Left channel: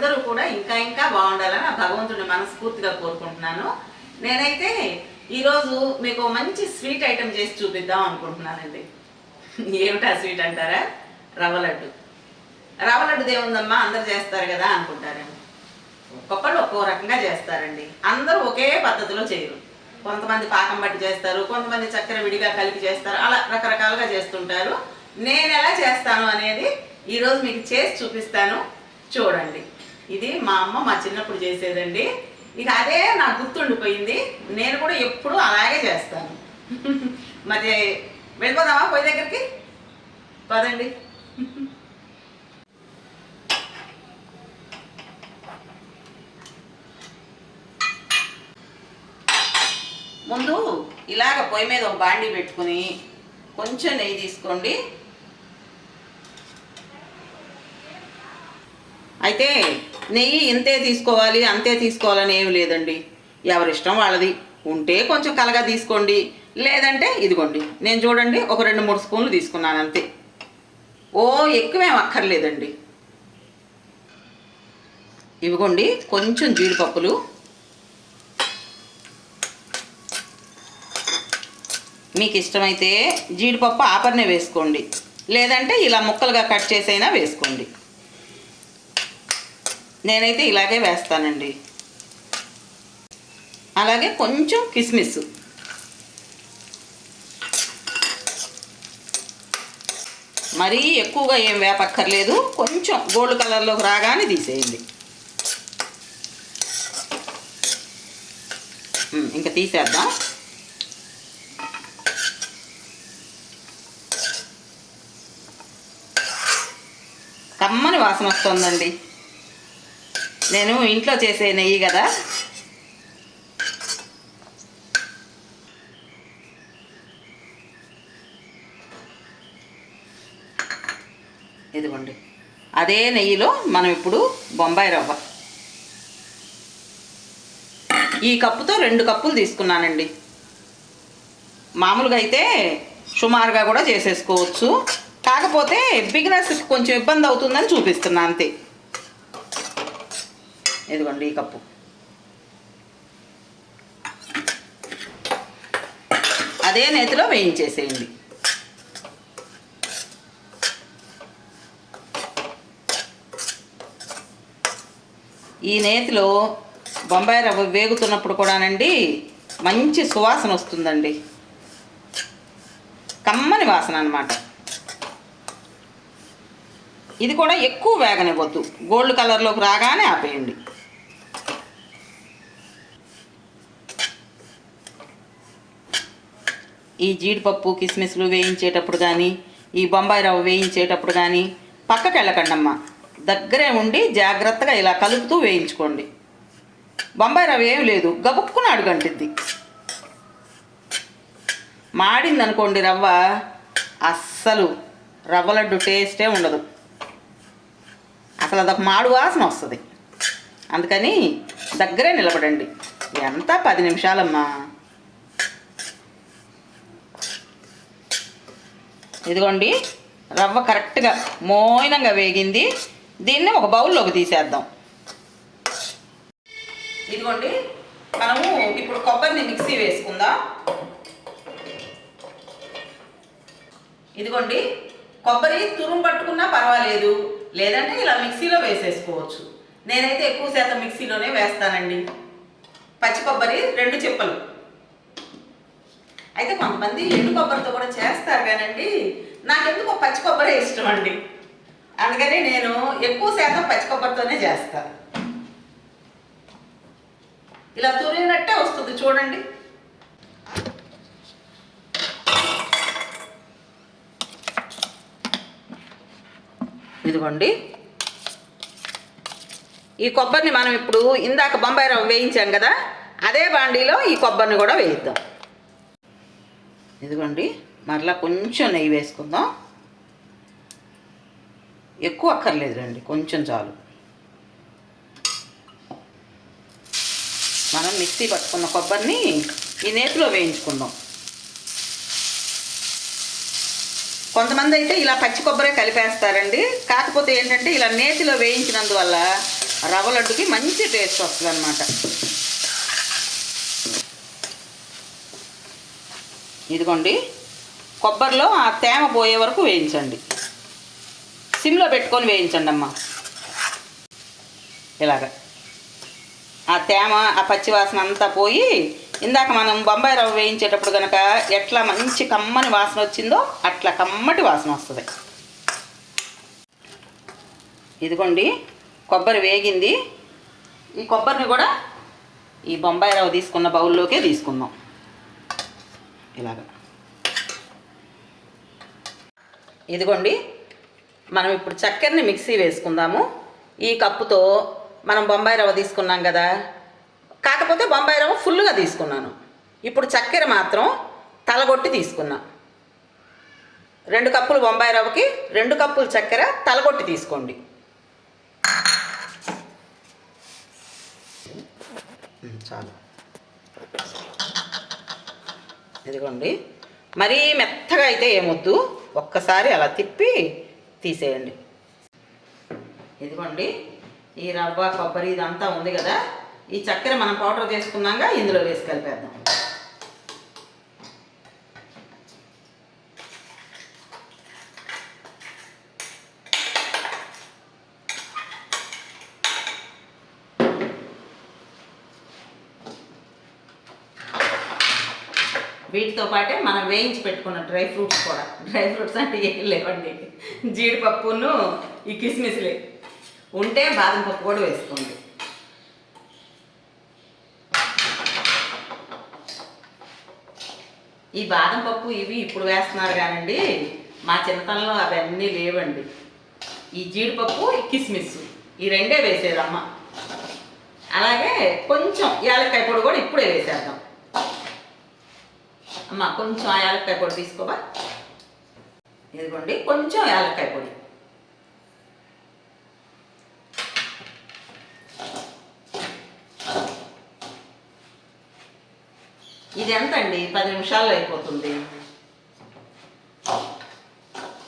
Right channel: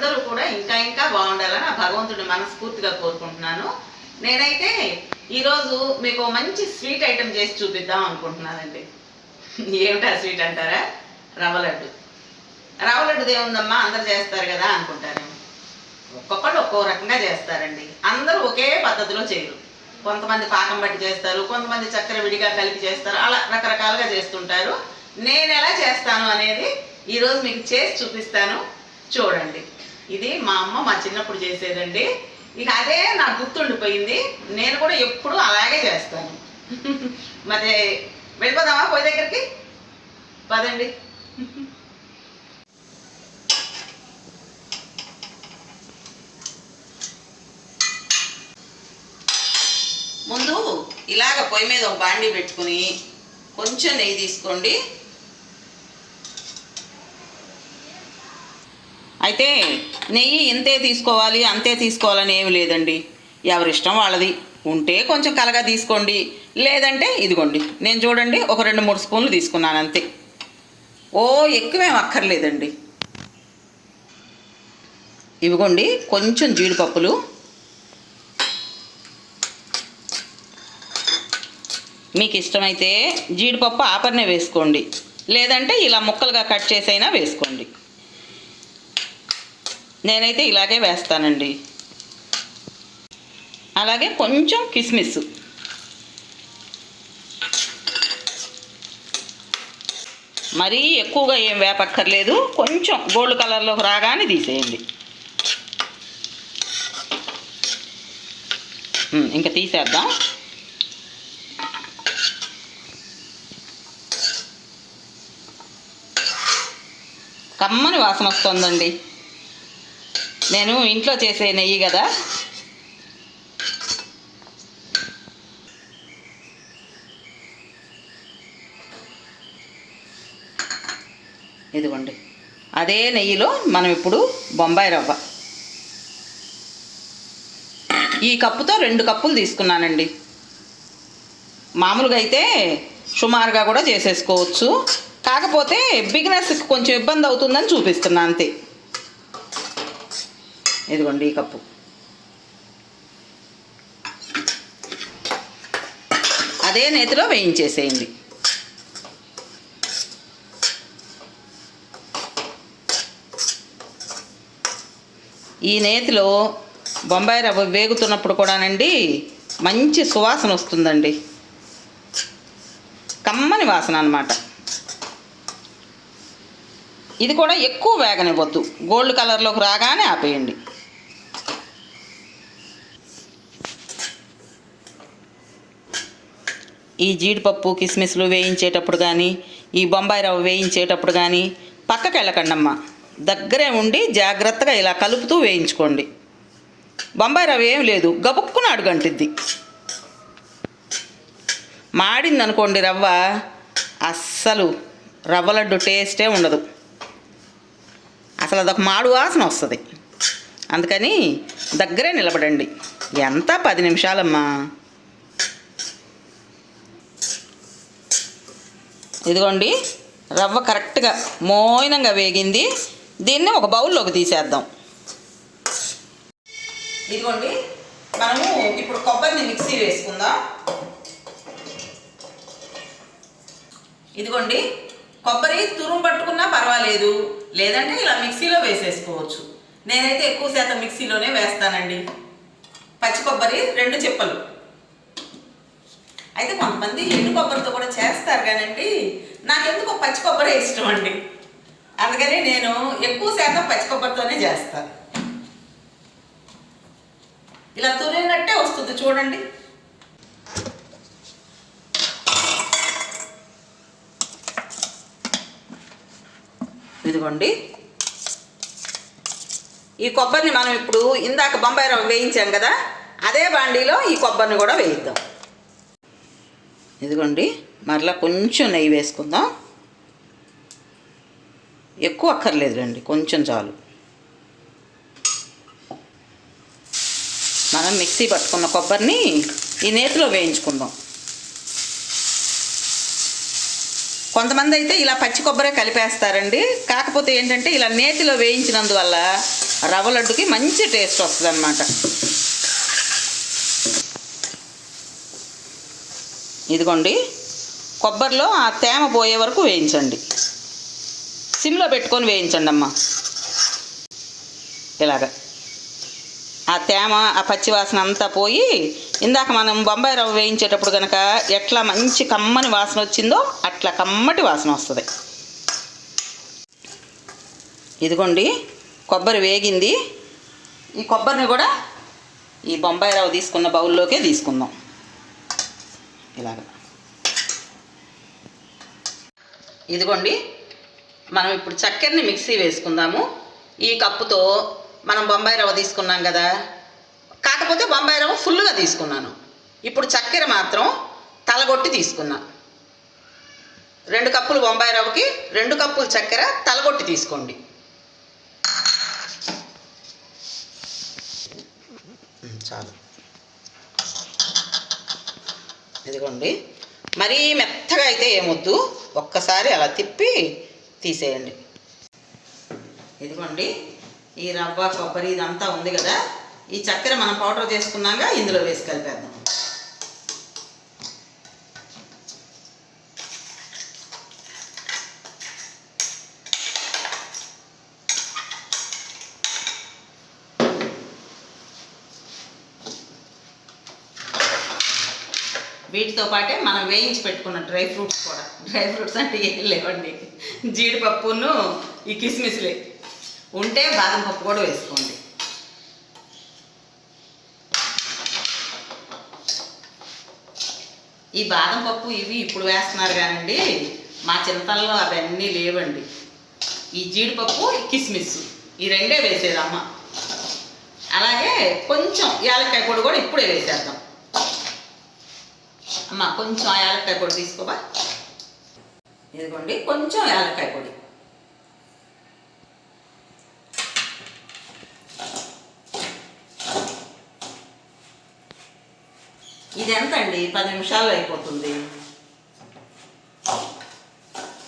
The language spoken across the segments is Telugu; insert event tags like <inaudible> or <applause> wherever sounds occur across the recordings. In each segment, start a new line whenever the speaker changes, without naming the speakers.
అందరూ కూడా ఇంకా ఇంకా బాగుండాలని ఆ భగవంతుడిని మనస్ఫూర్తిగా కోరుకుంటున్నాను. నేనైతే ఈరోజు మీకు మంచి స్వీట్ ఐటెం చేసి చూపిద్దాం అనుకుంటున్నానండి. ఏమిటా స్వీట్ అంటారా? రవ్వ లడ్డు. రవ్వ లడ్డు ఏముందమ్మా అందరు చేస్తారు కదా అనుకుంటారేమో ఒక్కొక్కళ్ళు ఒక్కో రకంగా చేస్తారండి. అందరూ ఒకే పద్ధతిలో చేయరు. కొంతమంది పాకం బట్టి చేస్తారు కొంతమంది చక్కెర విడిగా కలిపి చేస్తారు అలా రకరకాలుగా చేస్తుంటారు. నేను ఎలా చేస్తాను అనేది ఈరోజు మీకు చేసి చూపిస్తాను. చూడండి. ఇది మా అమ్మ మా చిన్నప్పుడు చేసేదండి. ఇక అదే నాకు గుర్తుండిపోయింది. నేను కూడా ఎప్పుడు అలాగే చేస్తాను. <laughs> మరి వెళ్ళిపోదామా పోయి దగ్గరికి? పదండి. <laughs> ముందు ఇలాగ పొయ్యి మీద ఒక బాండి పెట్టుకుని కొంచెం నెయ్యి తీసుకోండి. అయితే నెయ్యి ఇంతే తీసుకోవాలి అంతే తీసుకోవాలని ఏమి లేదండి. ఎవరిష్టం వాళ్ళది. ఉంటే కొంచెం కలగా తీసుకోండి లేదంటే ఇదిగోండి. నేను చూడండి ఒక రెండు మూడు స్పూన్లు తీసుకున్నాను అంతే. ఓ ఎక్కువేం అక్కర్లేదండి. ఇవిగోండి కొంచెం జీడిపప్పులు. మీకు ఇష్టమైతే జీడిపప్పు ఆపర్నే వేసుకోండి. లేదంటే ఇలా ముక్కలుగా కట్ చేసైనా వేసుకోండి. నేనైతే ఇలాగే వేస్తానండి. అలాగే కొంచెం కిస్మిస్. మరీ ఎక్కువగా ఏం వేపక్కర్లేదు. కొంచెం గోల్డ్ కలర్లోకి రాగానే తీసేయండి. ఇంకా తీసేద్దాం. కమ్మని వాసన వస్తుందండి. నేను ఇంట్లో చేసే నెయ్యి కదా. ఇదిగోండి. అదే నెయ్యిలో మనం ఇప్పుడు బొంబాయి రవ్వ. ఈ కప్పుతో రెండు కప్పులు తీసుకున్నానండి. మామూలుగా అయితే సుమారుగా కూడా చేసేసుకోవచ్చు. కాకపోతే బిగినర్స్కి కొంచెం ఇబ్బంది అవుతుందని చూపిస్తున్నా అంతే. ఇదిగోండి ఈ కప్పు. అదే నేతిలో వేయించేసేయండి. ఈ నేతిలో బొంబాయి రవ్వ వేగుతున్నప్పుడు కూడానండి మంచి సువాసన వస్తుందండి. కమ్మని వాసన అన్నమాట. ఇది కూడా ఎక్కువ వేగనివ్వద్దు. గోల్డ్ కలర్లోకి రాగానే ఆపేయండి. ఈ జీడిపప్పు కిస్మిస్లు వేయించేటప్పుడు కానీ ఈ బొంబాయి రవ్వ వేయించేటప్పుడు కానీ పక్కకి వెళ్ళకండమ్మా. దగ్గరే ఉండి జాగ్రత్తగా ఇలా కలుపుతూ వేయించుకోండి. బొంబాయి రవ్వ ఏం లేదు. గబుక్కున అడుగంటిద్ది. మాడింది అనుకోండి రవ్వ అస్సలు రవ్వ లడ్డు టేస్టే ఉండదు. అసలు అదొక మాడు వాసన వస్తుంది. అందుకని దగ్గరే నిలబడండి. ఎంత? పది నిమిషాలమ్మా. ఇదిగోండి రవ్వ కరెక్ట్గా మోయినంగా వేగింది. దీన్ని ఒక బౌల్లోకి తీసేద్దాం. ఇదిగోండి మనము ఇప్పుడు కొబ్బరిని మిక్సీ వేసుకుందాం. ఇదిగోండి కొబ్బరి తురుము పట్టుకున్నా పర్వాలేదు. లేదంటే ఇలా మిక్సీలో వేసేసుకోవచ్చు. నేనైతే ఎక్కువ శాతం మిక్సీలోనే వేస్తానండి. పచ్చి కొబ్బరి రెండు చెప్పలు. అయితే కొంతమంది ఎండు కొబ్బరితో కూడా చేస్తారు కానండి. నాకెందుకో పచ్చి కొబ్బరే ఇష్టం అండి. అందుకని నేను ఎక్కువ శాతం పచ్చి కొబ్బరితోనే చేస్తాను ఇలా తురినట్టే వస్తుంది చూడండి. ఇదిగోండి. ఈ కొబ్బరిని మనం ఇప్పుడు ఇందాక బొంబాయి రవ్వ వేయించాం కదా అదే బాండీలో ఈ కొబ్బరిని కూడా వేయిద్దాం. ఇదిగోండి మరలా కొంచెం నెయ్యి వేసుకుందాం. ఎక్కువ అక్కర్లేదు రండి కొంచెం చాలు. మనం మిక్సీ పట్టుకున్న కొబ్బరిని ఈ నేతిలో వేయించుకుందాం. కొంతమంది అయితే ఇలా పచ్చి కొబ్బరే కలిపేస్తారండి. కాకపోతే ఏంటంటే ఇలా నేతిలో వేయించినందువల్ల రవ్వ లడ్డుకి మంచి టేస్ట్ వస్తుంది ఇదిగోండి కొబ్బరిలో ఆ తేమ పోయే వరకు వేయించండి. సిమ్లో పెట్టుకొని వేయించండి అమ్మ. ఇలాగ. ఆ తేమ ఆ పచ్చివాసన అంతా పోయి ఇందాక మనం బొంబాయి రవ్వ వేయించేటప్పుడు కనుక ఎట్లా మంచి కమ్మని వాసన వచ్చిందో అట్లా కమ్మటి వాసన వస్తుంది. ఇదిగోండి కొబ్బరి వేగింది. ఈ కొబ్బరిని కూడా ఈ బొంబాయి రవ్వ తీసుకున్న బౌల్లోకే తీసుకుందాం. ఇలాగ. ఇదిగోండి మనం ఇప్పుడు చక్కెరని మిక్సీ వేసుకుందాము. ఈ కప్పుతో మనం బొంబాయి రవ్వ తీసుకున్నాం కదా. కాకపోతే బొంబాయి రవ్వ ఫుల్గా తీసుకున్నాను. ఇప్పుడు చక్కెర మాత్రం తలగొట్టి తీసుకున్నా. రెండు కప్పులు బొంబాయి రవ్వకి రెండు కప్పులు చక్కెర తలగొట్టి తీసుకోండి. చాలు. ఇదిగోండి. మరీ మెత్తగా అయితే ఏమొద్దు. ఒక్కసారి అలా తిప్పి తీసేయండి. ఇదిగోండి. ఈ రవ్వ కొబ్బరి ఇదంతా ఉంది కదా. ఈ చక్కెర మనం పౌడర్ చేసుకున్నాక ఇందులో వేసి కలిపేద్దాం. వీటితో పాటే మనం వేయించి పెట్టుకున్న డ్రై ఫ్రూట్స్ కూడా. డ్రై ఫ్రూట్స్ అంటే ఏం లేవండి. జీడిపప్పును ఈ కిస్మిస్లే. ఉంటే బాదం పప్పు కూడా వేసుకోండి. ఈ బాదం పప్పు ఇవి ఇప్పుడు వేస్తున్నారు కానండి మా చిన్నతనంలో అవన్నీ లేవండి. ఈ జీడిపప్పు ఈ కిస్మిస్ ఈ రెండే వేసేది అమ్మ. అలాగే కొంచెం యాలక్కాయ పొడి కూడా ఇప్పుడే వేసేద్దాం. అమ్మ కొంచెం యాలక్కాయ పొడి తీసుకోవా? ఇదిగోండి కొంచెం యాలక్కాయ పొడి. ఇది ఎంతండి? పది నిమిషాల్లో అయిపోతుంది.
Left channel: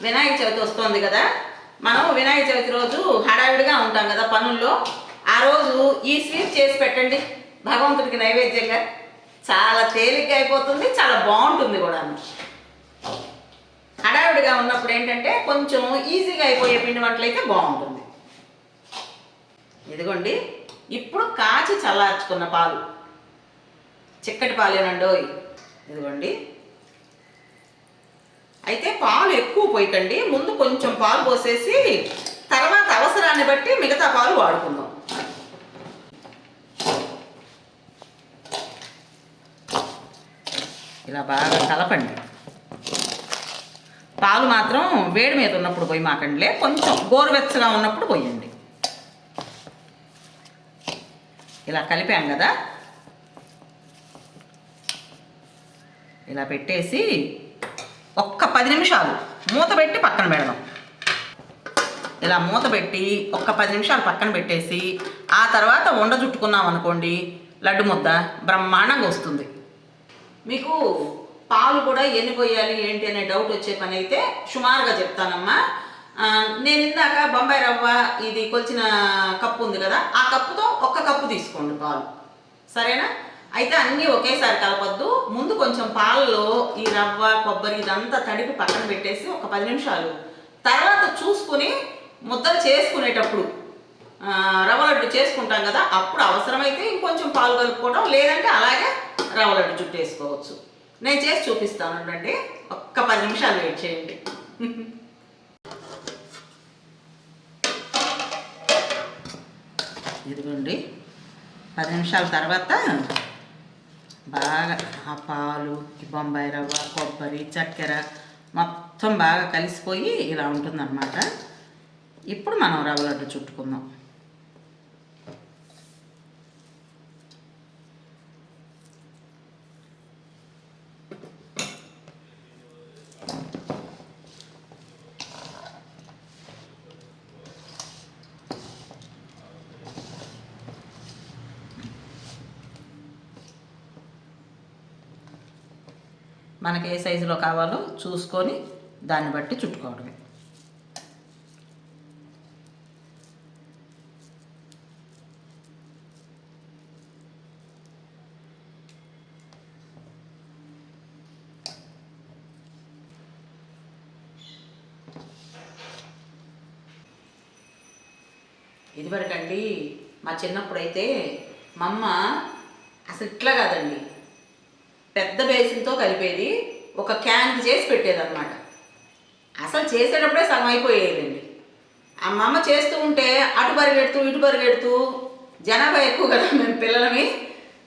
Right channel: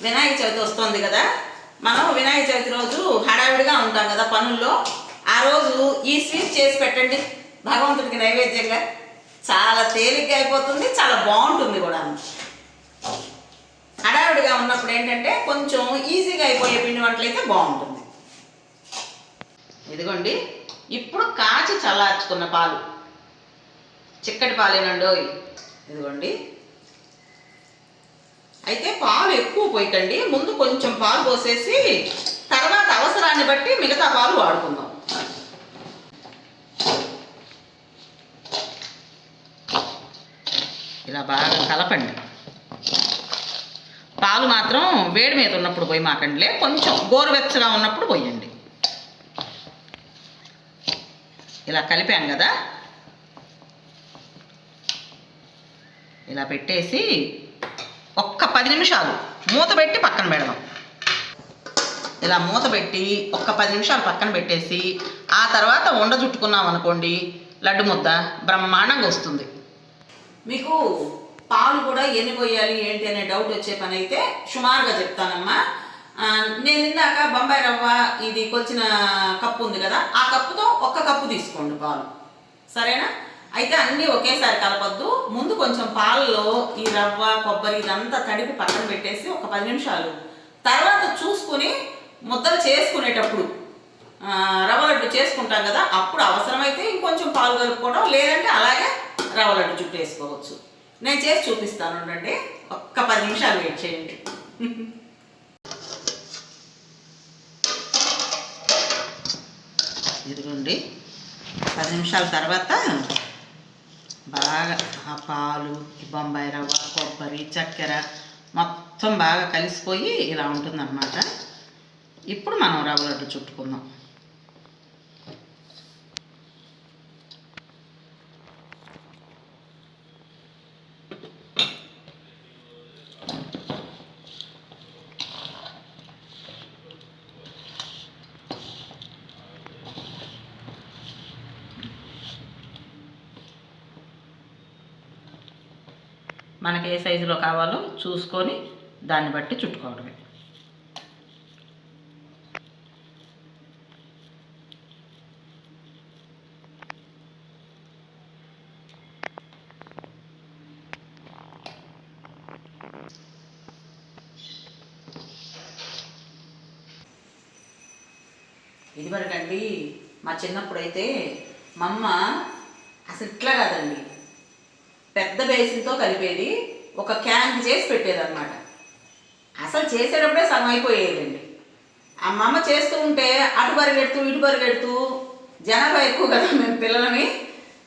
వినాయక చవితి వస్తుంది కదా? మనం వినాయక చవితి రోజు హడావిడిగా ఉంటాం కదా పనుల్లో. ఆ రోజు ఈ స్వీట్ చేసి పెట్టండి. భగవంతుడికి నైవేద్యంగా. చాలా తేలిక అయిపోతుంది చాలా బాగుంటుంది కూడా. హడావిడిగా ఉన్నప్పుడు ఏంటంటే కొంచెం ఈజీగా అయిపోయే పిండి వంటలు అయితే బాగుంటుంది. ఇదిగోండి ఇప్పుడు కాచి చల్లార్చుకున్న పాలు. చిక్కటి పాలేనండో ఇదిగోండి. అయితే పాలు ఎక్కువ పోయకండి ముందు కొంచెం పాలు పోసేసి తర్వాత అవసరాన్ని బట్టి మిగతా పాలు వాడుకుందాం. ఇలా బాగా కలపండి. పాలు మాత్రం వేడి మీద ఉన్నప్పుడు పోయి మాకండిలే కొంచెం గోరువెచ్చగా ఉన్నప్పుడు పోయండి. ఇలా కలిపాం కదా? ఇలా పెట్టేసి ఒక్క పది నిమిషాలు మూత పెట్టి పక్కన పెడదాం. ఇలా మూత పెట్టి ఒక్క పది నిమిషాలు పక్కన పెట్టేసి ఆ తర్వాత వండ చుట్టుకున్నాం అనుకోండి లడ్డు ముద్ద బ్రహ్మాండంగా వస్తుంది. మీకు పాలు కూడా ఎన్ని పోయాలి ఏంటి అనే డౌట్ వచ్చే పని అయితే సుమారుగా చెప్తానమ్మా. నేను ఇందాక బొంబాయి రవ్వ ఇది కొలిచిన కప్పు ఉంది కదా ఆ కప్పుతో ఒక్క కప్పు తీసుకోండి పాలు. సరేనా? అయితే అన్నీ ఒకేసారి కలపొద్దు. ముందు కొంచెం పాలలో ఈ రవ్వ కొబ్బరి ఇదంతా తడిపి పక్కన పెట్టేసి ఒక పది నిమిషాలు. తర్వాత చూసుకుని ముద్దలు చేసుకునేటప్పుడు రవ్వ లడ్డు చేసుకుంటాం కదా అప్పుడు అవసరమైతే ఇంకొంచెం పాలు కలుపుకోవడం లేదంటే అలాగే రవ్వ లడ్డు చుట్టేసుకోవచ్చు నేను చేసి చూపిస్తాను ఉండండి ఒక్క పది నిమిషాలు వెయిట్ చేయండి. ఇదిగోండి. పది నిమిషాల తర్వాత బాగా ఆ పాలు బొంబాయి రవ్వ కొబ్బరి చక్కెర మొత్తం బాగా కలిసిపోయి ఇలా ఉంటుందన్నమాట. ఇప్పుడు మనం రవ్వ లడ్డు చుట్టుకుందాం. మనకి ఏ సైజులో కావాలో చూసుకొని దాన్ని బట్టి చుట్టుకోవడమే. ఇదివరకండి మా చిన్నప్పుడైతే మా అమ్మ అసలు ఇట్లా కాదండి. పెద్ద బేసిన్తో కలిపేది ఒక క్యాన్ చేసి పెట్టేదన్నమాట. అసలు చేసేటప్పుడే సగం అయిపోయేదండి ఆ మా అమ్మ చేస్తూ ఉంటే అటు పరిగెడుతూ ఇటు పరిగెడుతూ జనాభా ఎక్కువ కదా మేము పిల్లలని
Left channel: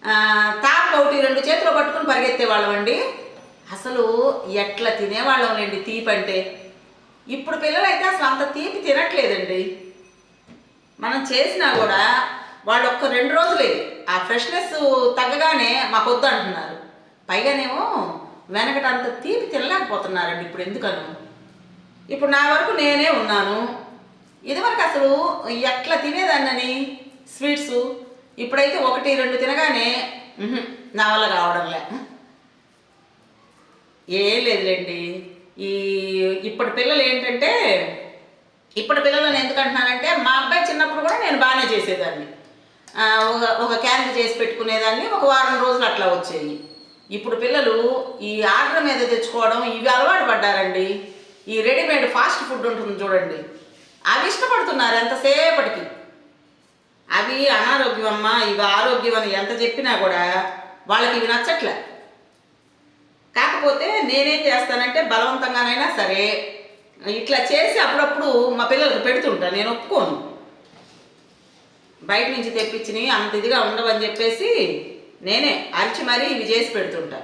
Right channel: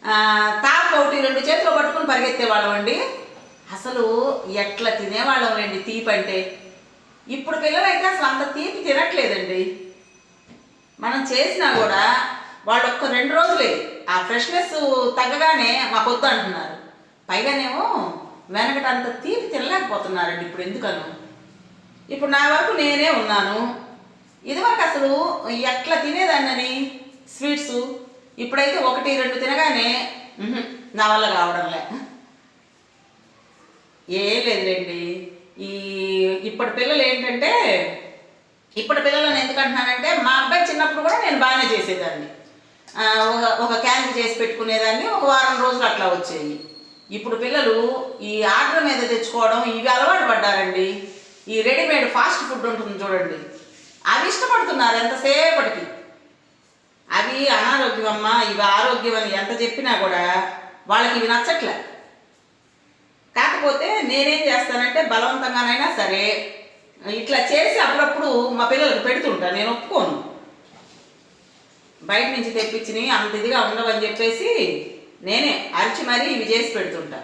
ఆ, ఒకటి రెండు చేతిలో పట్టుకుని పరిగెత్తేవాళ్ళం అండి అసలు ఎట్లా తినేవాళ్ళం అండి తీపి అంటే. ఇప్పుడు పిల్లలైతే అసలు అంత తీపి తినట్లేదండి. మనం చేసినా కూడా వాళ్ళు ఒక్క రెండు రోజులే ఆ ఫ్రెష్నెస్ తగ్గగానే మాకొద్దు అంటున్నారు పైగానేమో వెనకట అంత తీపి తినలేకపోతున్నారండి ఇప్పుడు ఎందుకను? ఇప్పుడు నా వరకు నేనే ఉన్నాను. ఇదివరకు అసలు ఎట్లా తినేదాన్నని? స్వీట్స్. ఇప్పుడైతే ఒకటి రెండు తినగానే నా వల్ల కావడంలే. ఏం లేదులేండి. ఈ ఇప్పటి పిల్లలు ఏంటంటే ఇప్పటి పిల్లలను ఎందుకు మా అబ్బాయి చిన్నప్పుడు కూడా నేను బాగానే చేసేదాన్ని. ఒక ఒక క్యాన్ చేసి పెట్టుకునేదాన్ని. ఒక వారం రోజులు అట్లా వచ్చేది ఇప్పుడు పిల్లలు ఈ ఆర్డర్ మీద తెచ్చుకోవడం ఇవి అలవాటు పడ్డారండి. ఈ రెడీమేడ్ ఫాస్ట్ ఫుడ్ ఉంటుంది చూడండి. అవి ఇష్టపడుతున్నారు ఎంతసేపటికి? అవి అనారోగ్యం అమ్మా ఇవి ఆరోగ్యం అని ఎంత చెప్పినా కూడా వాళ్ళకి ఇవి నచ్చట్లే. కాకపోతే నేనేం చేస్తానంటే బలవంతంగానైనా సరే ఇట్లా చేసి అప్పుడప్పుడు మా పిల్లలకు పెడుతుంటా నేను ఒప్పుకోను. బయట నుంచి తెప్పించినవి అంత ఇదిగా ఉండవని చెప్పేసి నేనే అరిచి మరీ ఇవి చేసి పెడుతుంటా.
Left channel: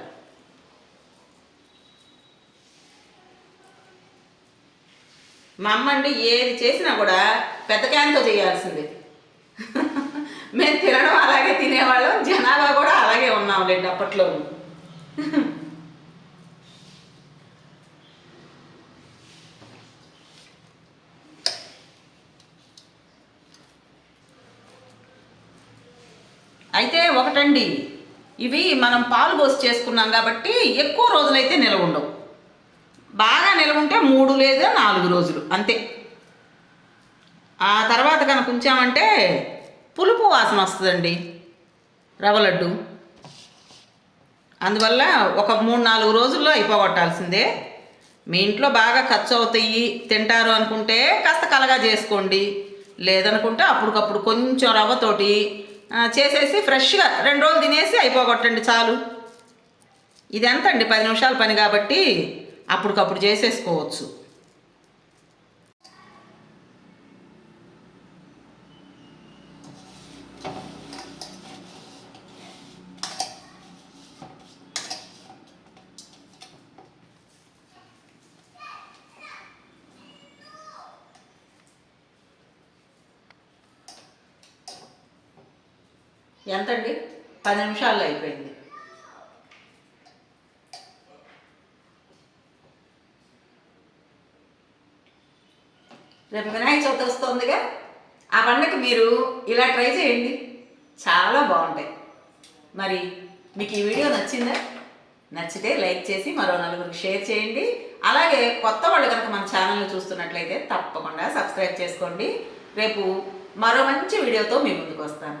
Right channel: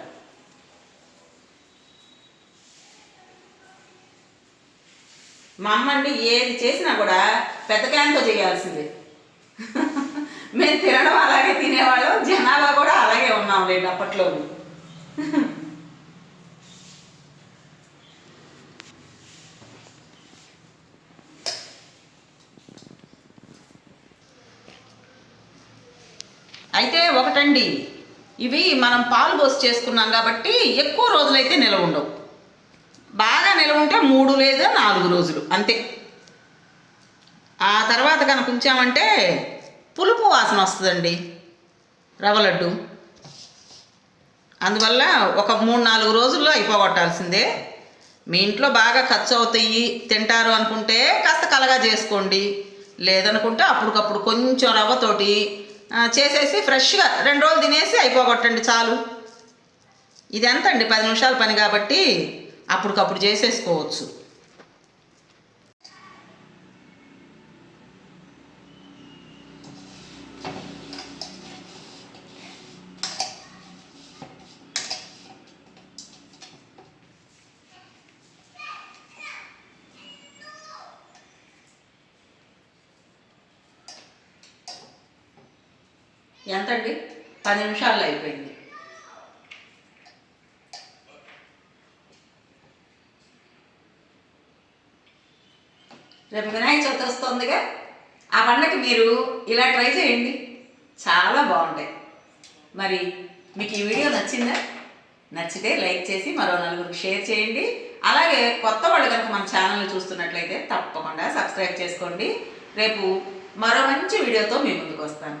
మా అమ్మ అండి ఏది చేసినా కూడా పెద్ద క్యాన్తో చేయాల్సిందే. మేము తినడం అలాగే తినేవాళ్ళం జనాభా కూడా అలాగే ఉన్నాం లేండి అయితే ఒకటండి. ఇవి మనం పాలు పోసి చేసుకున్నాం కాబట్టి ఎక్కువ రోజులైతే నిలవ ఉండవు. బాగా నిలవ ఉంటే మూడు లేదా నాలుగు రోజులు అంతే. ఆ తర్వాత కనుక ఉంచామంటే పులుపు వాసన వస్తుందండి రవ్వ లడ్డు. అందువల్ల ఒక మూడు నాలుగు రోజుల్లో అయిపోగొట్టాల్సిందే. మీ ఇంట్లో బాగా ఖర్చు అవుతాయి తింటారు అనుకుంటే కాస్త కలగా చేసుకోండి. లేదనుకుంటే అప్పటికప్పుడు కొంచెం రవ్వతోటి చేసేసి ఫ్రెష్గా రెండు రోజులు తినేసి అయిపోగొట్టండి చాలు. ఇది ఎంత అండి పది నిమిషాల పని కాబట్టి అప్పటికప్పుడు చేసేసుకోవచ్చు. ఎంతండి? పది నిమిషాల్లో అయిపోయింది. రేపు వినాయక చవితి వస్తుందిగా. ఆ పండగకి మీరు ఇలా ట్రై చేయండి. చాలా బాగుంటాయి. మరి మీకు ఈ వీడియో నచ్చిందా? నచ్చితే లైక్ చేసి మరో నలుగురికి షేర్ చేయండి. అలాగే కొత్త వాళ్ళు కనుక మన ఛానల్ని చూస్తున్నట్లయితే తప్పకుండా సబ్స్క్రైబ్ చేసుకోండి. రేపు మరో మంచి వీడియోతో మీ ముందుకు వస్తాను.